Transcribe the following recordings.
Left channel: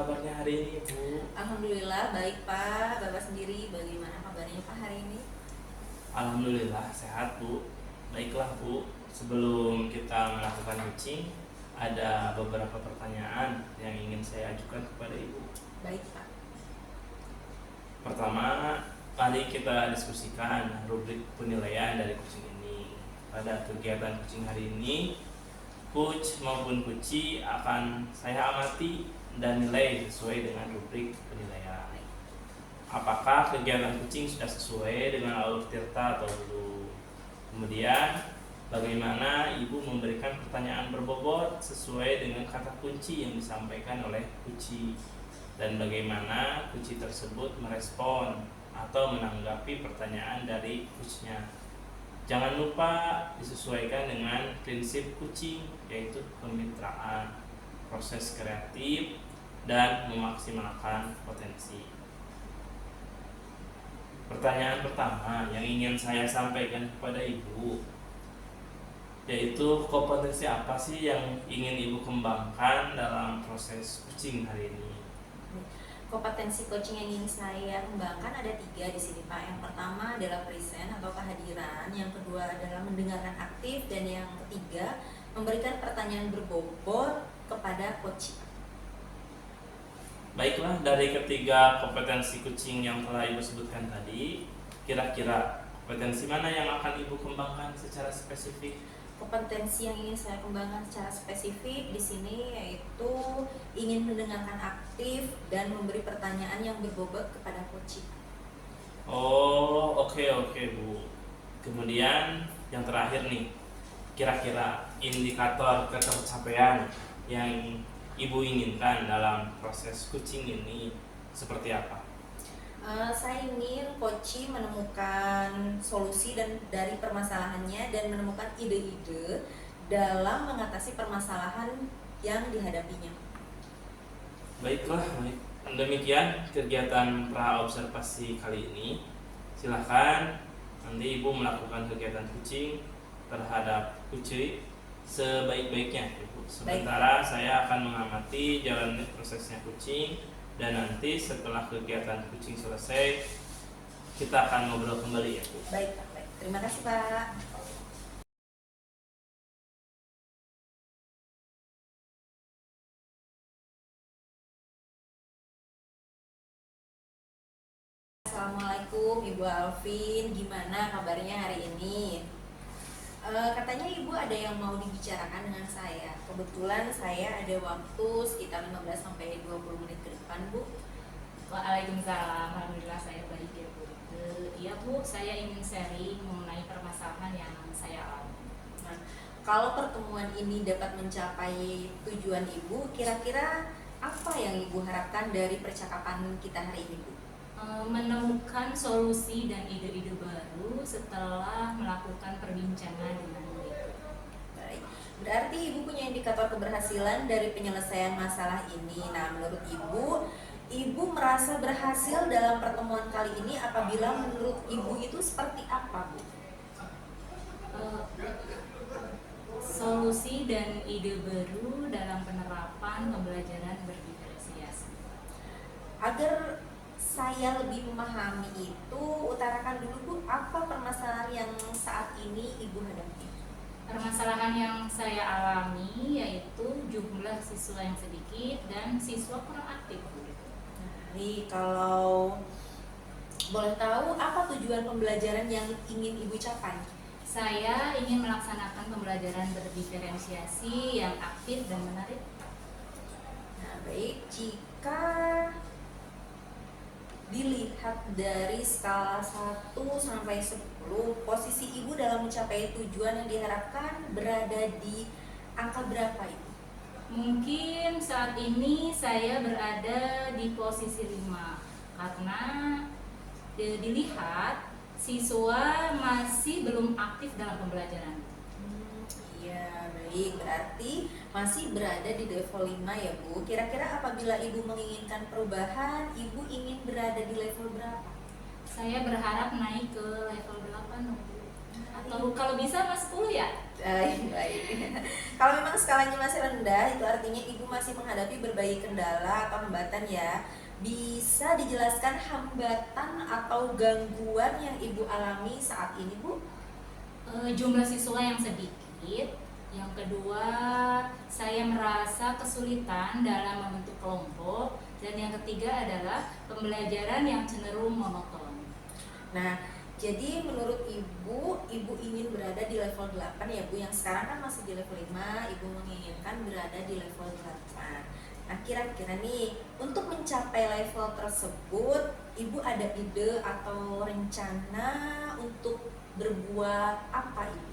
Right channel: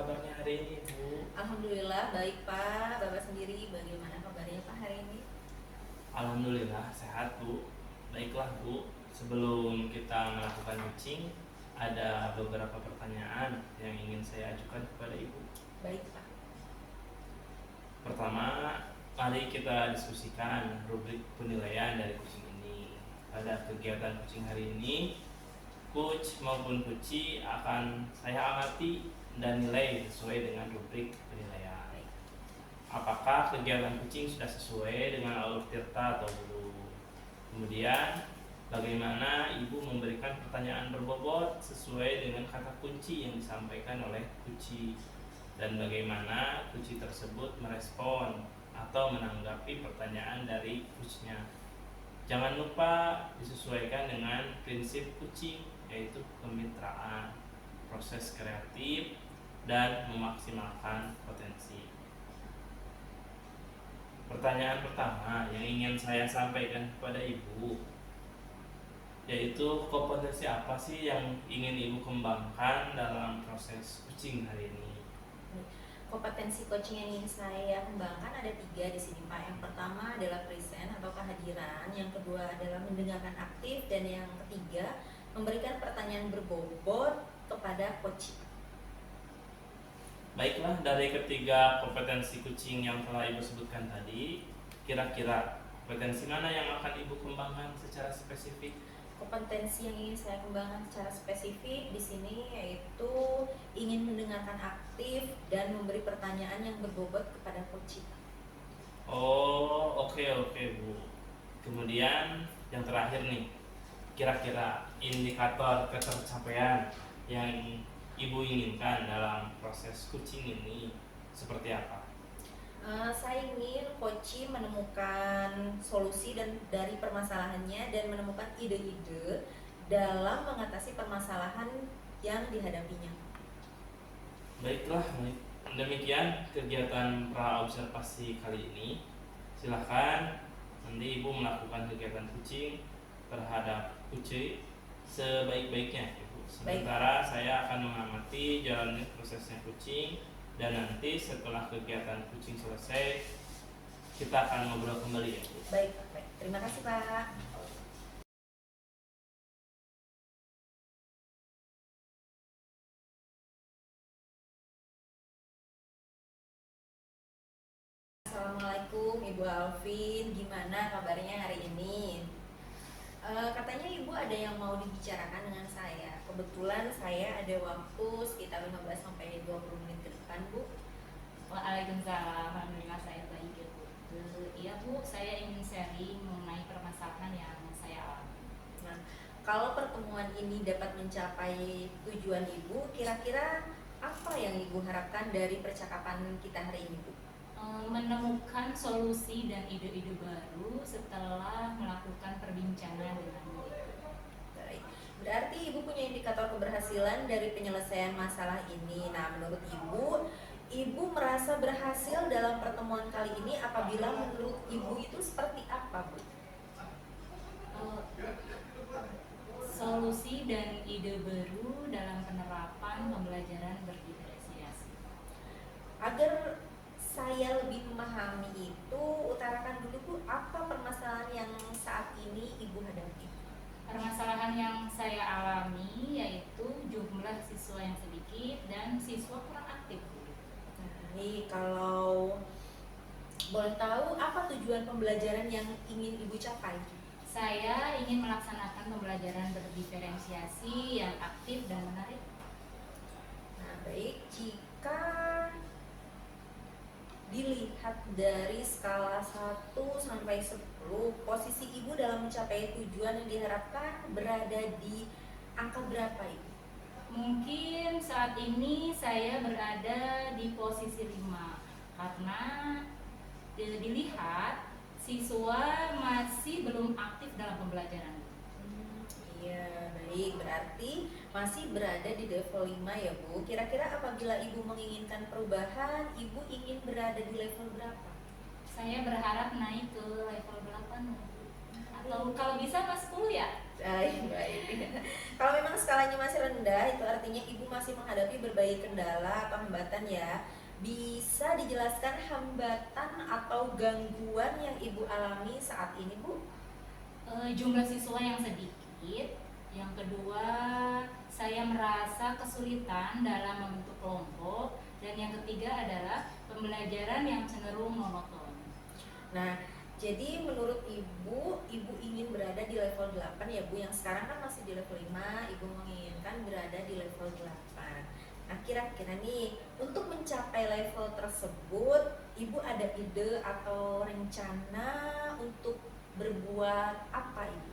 kabarnya hari ini, Bu? Alhamdulillah baik Pak. Bapak sendiri bagaimana kabarnya Pak hari ini? Alhamdulillah sehat, Bu. Baiklah, Bu. Sebelum kita melakukan coaching, ada beberapa pertanyaan yang ingin saya ajukan kepada Ibu. Baik Pak. Pertama, mari kita diskusikan rubrik penilaian dari coaching ini. Pada kegiatan coaching hari ini, coach maupun coachee akan saya amati dan nilai sesuai dengan rubrik penilaian. Apakah kegiatan coaching sudah sesuai dengan alur tirta atau belum? Kemudian, bagaimana Ibu memberikan pertanyaan berbobot sesuai dengan kata kunci yang disampaikan oleh coachee, dan bagaimana coachee tersebut merespon atau menanggapi pertanyaan dari coachnya. Jangan lupa disesuaikan dengan prinsip coaching, yaitu kemitraan, proses kreatif, dan memaksimalkan potensi. Pertanyaan pertama yang ingin saya sampaikan kepada Ibu, yaitu kompetensi apa sih yang ingin Ibu kembangkan dalam proses coaching hari ini? Kompetensi coaching yang ingin saya kembangkan ada 3 di sini Pak. Yang pertama adalah present atau kehadiran, yang kedua adalah mendengarkan aktif, dan yang ketiga memberikan pertanyaan berbobot kepada coach. Baiklah, dari ketiga kompetensi coaching yang telah Ibu sebutkan tadi, kira-kira kompetensi mana yang akan Ibu kembangkan secara spesifik? Kompetensi yang ingin saya kembangkan secara spesifik di sini yaitu ingin mendengarkan aktif dan memberi pertanyaan yang berbobot kepada coach. Oh, oke, Bu. Kemudian yang terakhir nih, kira-kira indikator ketercapaian yang Ibu inginkan dalam proses coaching ini seperti apa? Saya ingin coach menemukan solusi dari permasalahannya dan menemukan ide-ide dalam mengatasi permasalahan yang dihadapinya. Baiklah, baik. Demikian kegiatan pra observasi kali ini. Silahkan nanti Ibu melakukan kegiatan coaching terhadap coachee sebaik-baiknya, Ibu. Sementara saya akan mengamati jalannya prosesnya coaching, dan nanti setelah kegiatan coaching selesai kita akan ngobrol kembali, ya, Bu. Baik Pak, baik. Terima kasih Pak. Assalamualaikum Ibu Alvin, gimana kabarnya hari ini? Katanya Ibu ada yang mau dibicarakan dengan saya. Kebetulan saya ada waktu sekitar 15-20 menit ke depan, Bu. Waalaikumsalam, alhamdulillah saya baik ya Bu. Iya Bu, saya ingin sharing mengenai permasalahan yang saya alami. Nah, kalau pertemuan ini dapat mencapai tujuan Ibu, kira-kira apa yang Ibu harapkan dari percakapan kita hari ini, Bu? Menemukan solusi dan ide-ide baru setelah melakukan perbincangan dengan beliau. Baik, berarti Ibu punya indikator keberhasilan dari penyelesaian masalah ini. Nah, menurut Ibu merasa berhasil dalam pertemuan kali ini apabila menurut Ibu itu seperti apa, Bu? Solusi dan ide baru dalam penerapan pembelajaran berdiferensiasi. Agar saya lebih memahami itu, utarakan dulu Bu, apa permasalahan yang saat ini Ibu hadapi? Permasalahan yang saya alami yaitu jumlah siswa yang sedikit dan siswa kurang aktif. Jadi kalau boleh tahu, apa tujuan pembelajaran yang ingin Ibu capai? Saya ingin melaksanakan pembelajaran berdiferensiasi yang aktif dan menarik. Nah, baik, jika dilihat dari skala 1 sampai 10, posisi Ibu dalam mencapai tujuan yang diharapkan berada di angka berapa, Ibu? Mungkin saat ini saya berada di posisi 5 karena dilihat siswa masih belum aktif dalam pembelajaran. Iya, baik, berarti masih berada di level 5 ya Bu. Kira-kira apabila Ibu menginginkan perubahan, Ibu ingin berada di level berapa? Saya berharap naik ke level 8 Bu. Atau kalau bisa mas 10 ya? Baik. Kalau memang skalanya masih rendah, itu artinya ibu masih menghadapi berbagai kendala atau hambatan ya. Bisa dijelaskan hambatan atau gangguan yang ibu alami saat ini, Bu? Jumlah siswa yang sedikit. Yang kedua, saya merasa kesulitan dalam membentuk kelompok. Dan yang ketiga adalah pembelajaran yang cenderung monoton. Nah, jadi menurut ibu ingin berada di level 8 ya Bu, yang sekarang kan masih di level 5, ibu menginginkan berada di level 8. Nah, kira-kira nih, untuk mencapai level tersebut, ibu ada ide atau rencana untuk berbuat apa ibu?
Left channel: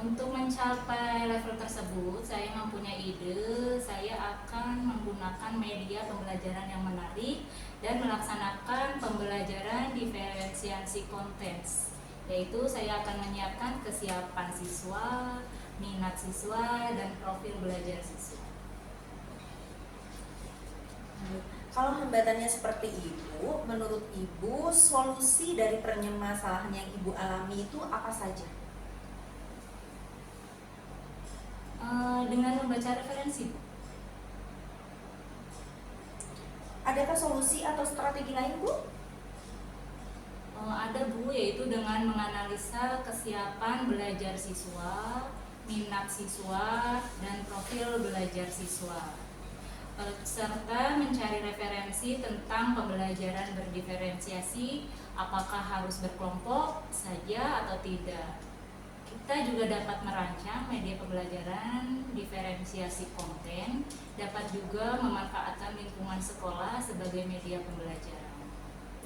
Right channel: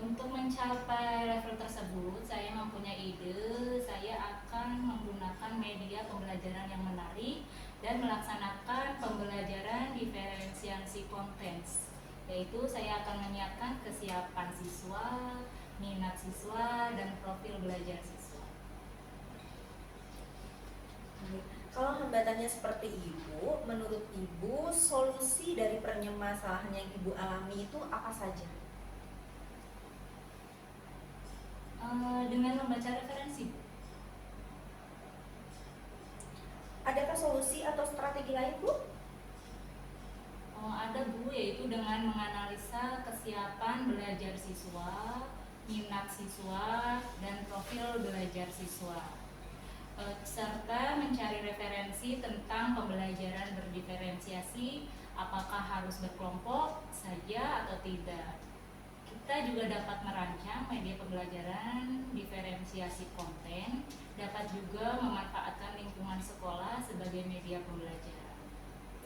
Untuk mencapai level tersebut, saya mempunyai ide. Saya akan menggunakan media pembelajaran yang menarik dan melaksanakan pembelajaran diferensiasi konten, yaitu saya akan menyiapkan kesiapan siswa, minat siswa, dan profil belajar siswa. Kalau hambatannya seperti itu, menurut ibu solusi dari permasalahan yang ibu alami itu apa saja? Dengan membaca referensi. Adakah solusi atau strategi lain, Bu? Ada Bu, yaitu dengan menganalisa kesiapan belajar siswa, minat siswa, dan profil belajar siswa, serta mencari referensi tentang pembelajaran berdiferensiasi, apakah harus berkelompok saja atau tidak. Kita juga dapat merancang media pembelajaran diferensiasi konten, dapat juga memanfaatkan lingkungan sekolah sebagai media pembelajaran.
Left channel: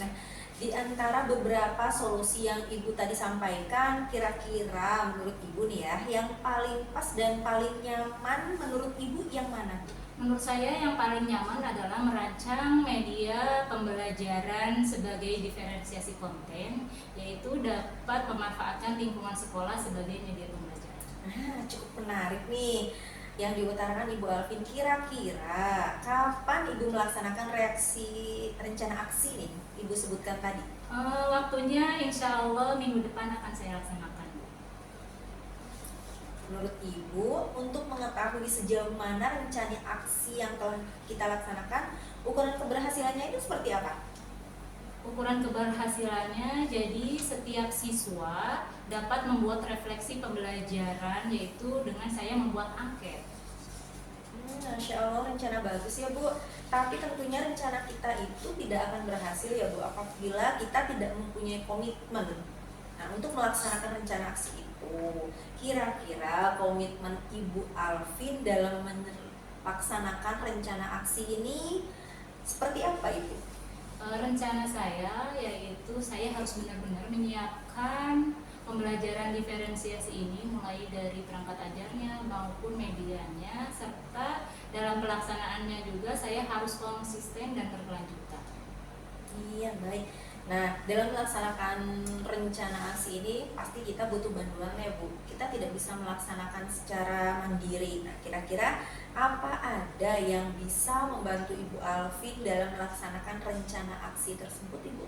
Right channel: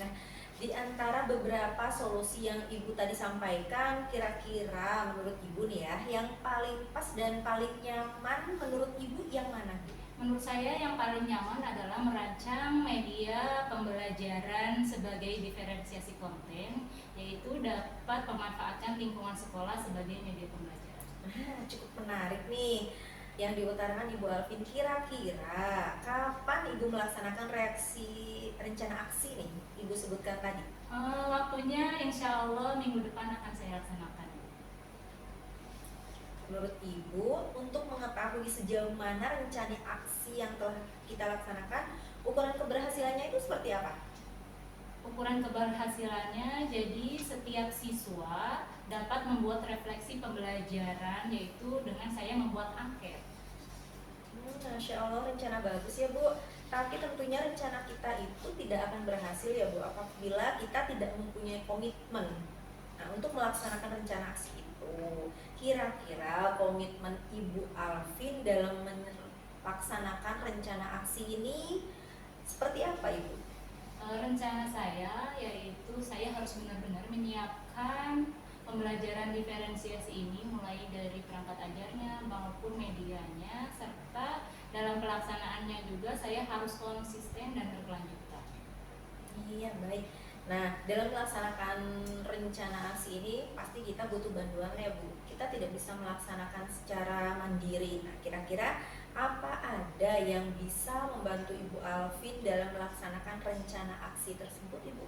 Nah, di antara beberapa solusi yang ibu tadi sampaikan, kira-kira menurut ibu nih ya, yang paling pas dan paling nyaman menurut ibu yang mana? Menurut saya yang paling nyaman adalah merancang media pembelajaran sebagai diferensiasi konten, yaitu dapat memanfaatkan lingkungan sekolah sebagai media pembelajaran. Cukup menarik nih yang diutarakan Ibu Alvin. Kira-kira kapan Ibu melaksanakan rencana aksi nih Ibu sebutkan tadi? Waktunya insya Allah minggu depan akan saya laksanakan. Menurut Ibu, untuk mengetahui sejauh mana rencana aksi yang telah kita laksanakan, ukuran keberhasilannya itu seperti apa? Ukuran keberhasilannya, jadi setiap siswa dapat membuat refleksi pembelajaran, yaitu dengan saya membuat angket. Masya Allah, rencana bagus ya Bu. Tapi tentunya rencana kita itu tidak akan berhasil ya Bu, apabila kita tidak mempunyai komitmen. Nah, untuk melaksanakan rencana aksi itu, kira-kira komitmen Ibu Alvin dalam melaksanakan rencana aksi ini seperti apa Ibu? Rencana saya yaitu saya harus benar-benar menyiapkan pembelajaran diferensiasi ini mulai dari perangkat ajarnya maupun medianya, serta dalam pelaksanaannya juga saya harus konsisten dan berkelanjutan. Iya, baik. Nah, dalam melaksanakan rencana aksi ini pasti kita butuh bantuan ya Bu. Kita tidak bisa melaksanakan secara mandiri. Nah, kira-kira apa ada yang bisa membantu Ibu Alvin dalam melaksanakan rencana aksi tersebut Ibu?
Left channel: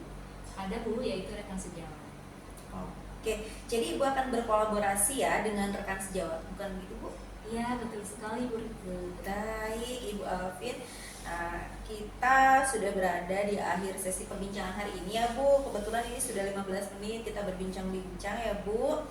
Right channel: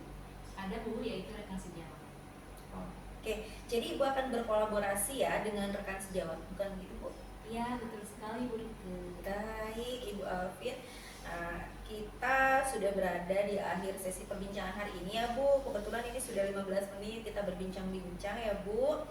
Ada Bu, yaitu rekan sejawat. Oke, jadi Ibu akan berkolaborasi ya dengan rekan sejawat, bukan begitu Bu? Iya, betul sekali Bu Rike. Baik Ibu Alvin. Nah, kita sudah berada di akhir sesi perbincangan hari ini ya Bu. Kebetulan ini sudah 15 menit kita berbincang-bincang ya Bu.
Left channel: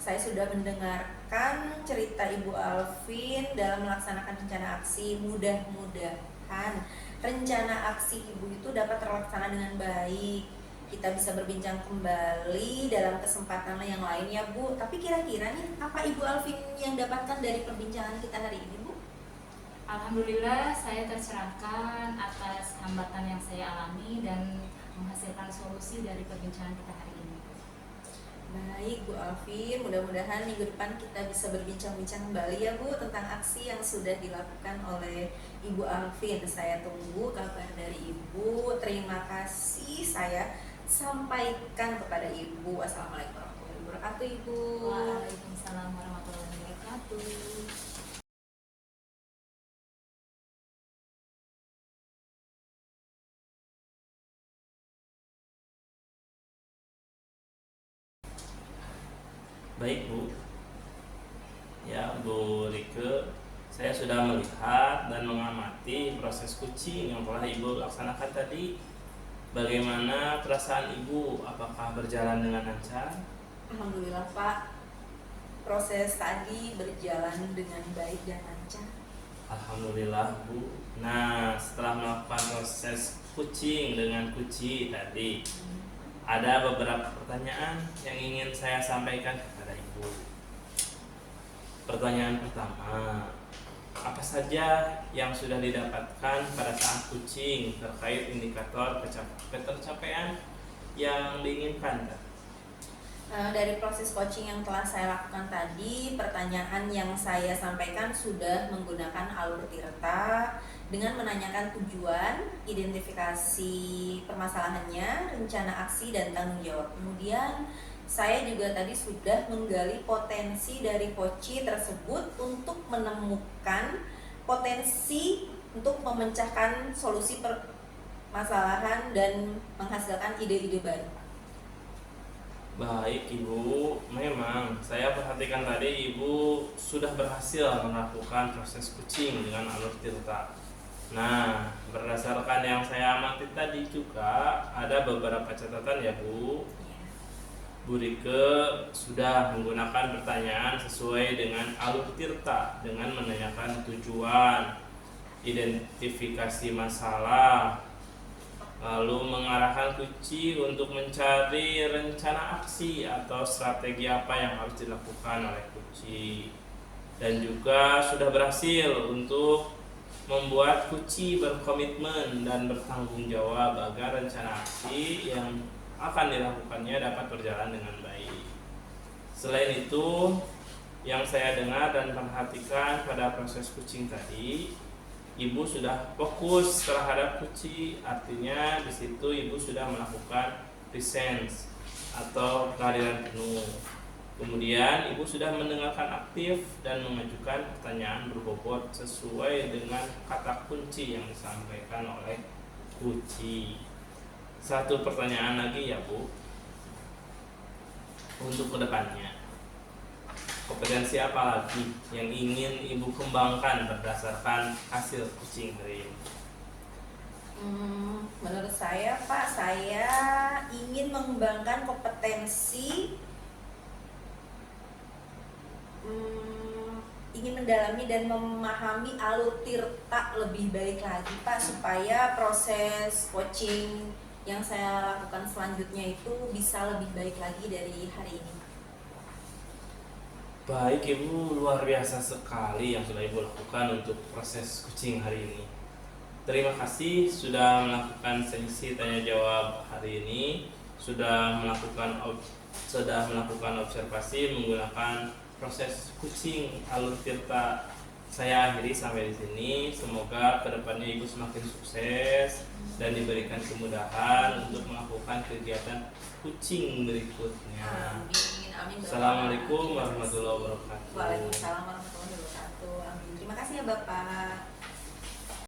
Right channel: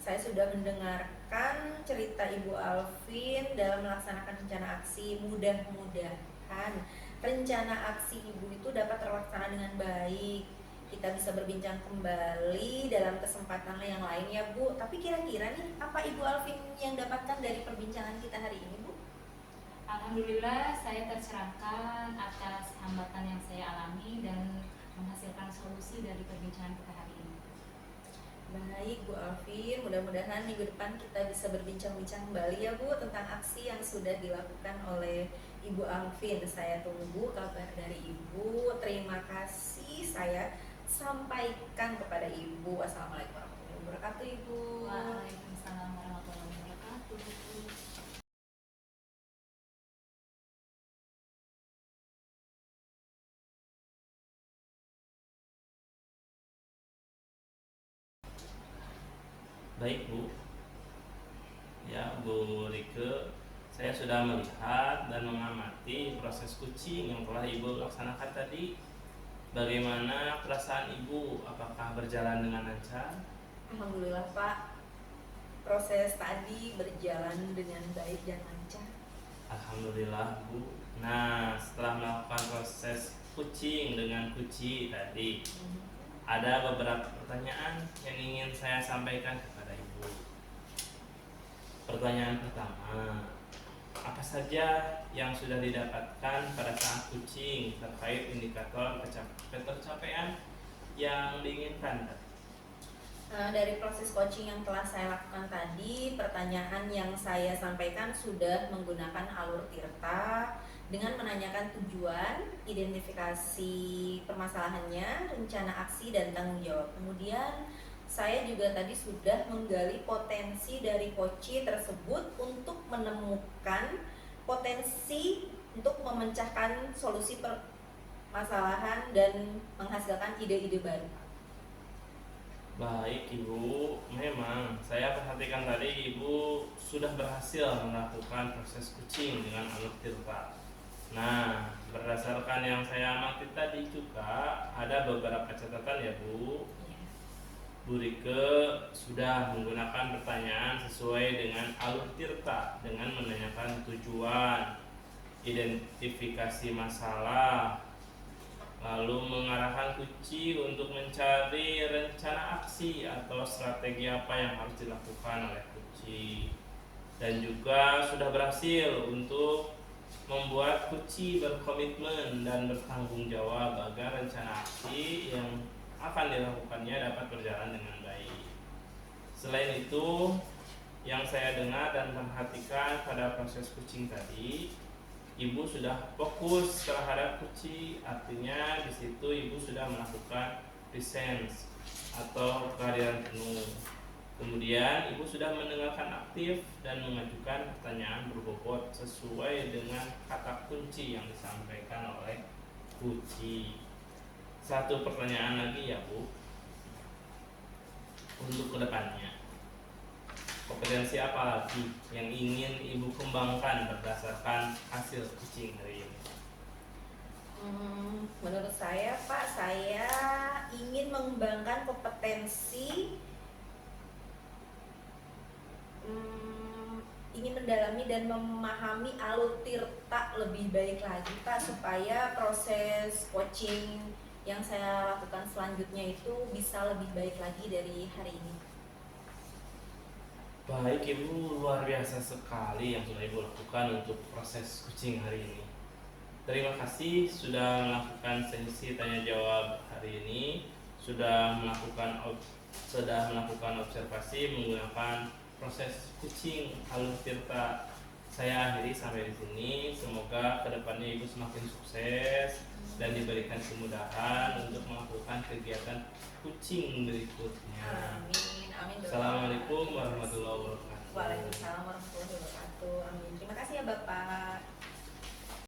Saya sudah mendengarkan cerita Ibu Alvin dalam melaksanakan rencana aksi. Mudah-mudahan rencana aksi Ibu itu dapat terlaksana dengan baik. Kita bisa berbincang kembali dalam kesempatan yang lain ya Bu. Tapi kira-kira nih, apa Ibu Alvin yang dapatkan dari perbincangan kita hari ini Bu? Alhamdulillah saya tercerahkan atas hambatan yang saya alami dan menghasilkan solusi dari perbincangan kita hari ini. Baik Bu Alvin, mudah-mudahan minggu depan kita bisa berbincang-bincang kembali ya Bu tentang aksi yang sudah dilakukan oleh Ibu Alvin. Saya tunggu kabar dari Ibu. Terima kasih saya sampaikan kepada Ibu. Assalamualaikum warahmatullahi wabarakatuh Ibu. Waalaikumsalam warahmatullahi wabarakatuh. Baik Bu, ya Bu Rike, saya sudah melihat dan mengamati proses kucing yang telah Ibu laksanakan tadi. Bagaimana perasaan Ibu? Apakah berjalan dengan lancar? Alhamdulillah Pak, proses tadi berjalan dengan baik dan lancar. Alhamdulillah Bu. Nah, setelah melakukan proses kucing dengan kuci tadi, ada beberapa pertanyaan yang ingin saya sampaikan kepada Ibu. Pertanyaan pertama, apa saja yang sudah didapatkan pada saat kucing terkait indikator pencapaian yang diinginkan? Dari proses coaching yang telah saya lakukan tadi, pertanyaan yang saya sampaikan sudah menggunakan alur Tirta dengan menanyakan tujuan, identifikasi permasalahannya, rencana aksi, dan tanggung jawab. Kemudian saya juga tadi sudah menggali potensi dari koci tersebut untuk menemukan potensi untuk memecahkan solusi permasalahan dan menghasilkan ide-ide baru. Baik Ibu, memang saya perhatikan tadi Ibu sudah berhasil melakukan proses kucing dengan alur Tirta. Nah, berdasarkan yang saya amati tadi juga ada beberapa catatan ya Bu. Bu Rike sudah menggunakan pertanyaan sesuai dengan alur Tirta dengan menanyakan tujuan, identifikasi masalah, lalu mengarahkan kuci untuk mencari rencana aksi atau strategi apa yang harus dilakukan oleh kuci, dan juga sudah berhasil untuk membuat kuci berkomitmen dan bertanggung jawab agar rencana aksi yang akan dilakukannya dapat berjalan dengan baik. Selain itu, yang saya dengar dan perhatikan pada proses kucing tadi, Ibu sudah fokus terhadap kucing, artinya di situ Ibu sudah melakukan presence atau kehadiran penuh. Kemudian Ibu sudah mendengarkan aktif dan mengajukan pertanyaan berbobot sesuai dengan kata kunci yang disampaikan oleh kucing. Satu pertanyaan lagi ya Bu, untuk kedepannya, kompetensi apa lagi yang ingin Ibu kembangkan berdasarkan hasil kucing hari ini? Menurut saya Pak, saya ingin mengembangkan kompetensi, ingin mendalami dan memahami alur Tirta lebih baik lagi Pak, supaya proses coaching yang saya lakukan selanjutnya itu bisa lebih baik lagi dari hari ini. Baik Ibu, luar biasa sekali yang sudah Ibu lakukan untuk proses kucing hari ini. Terima kasih sudah melakukan sesi tanya jawab hari ini, sudah melakukan observasi menggunakan proses kucing alur Tirta. Saya akhiri sampai di sini. Semoga kedepannya Ibu semakin sukses dan diberikan kemudahan untuk melakukan kegiatan kucing berikutnya. Amin, amin. Assalamualaikum warahmatullahi wabarakatuh. Waalaikumsalam warahmatullahi wabarakatuh. Amin. Terima kasih ya Bapak.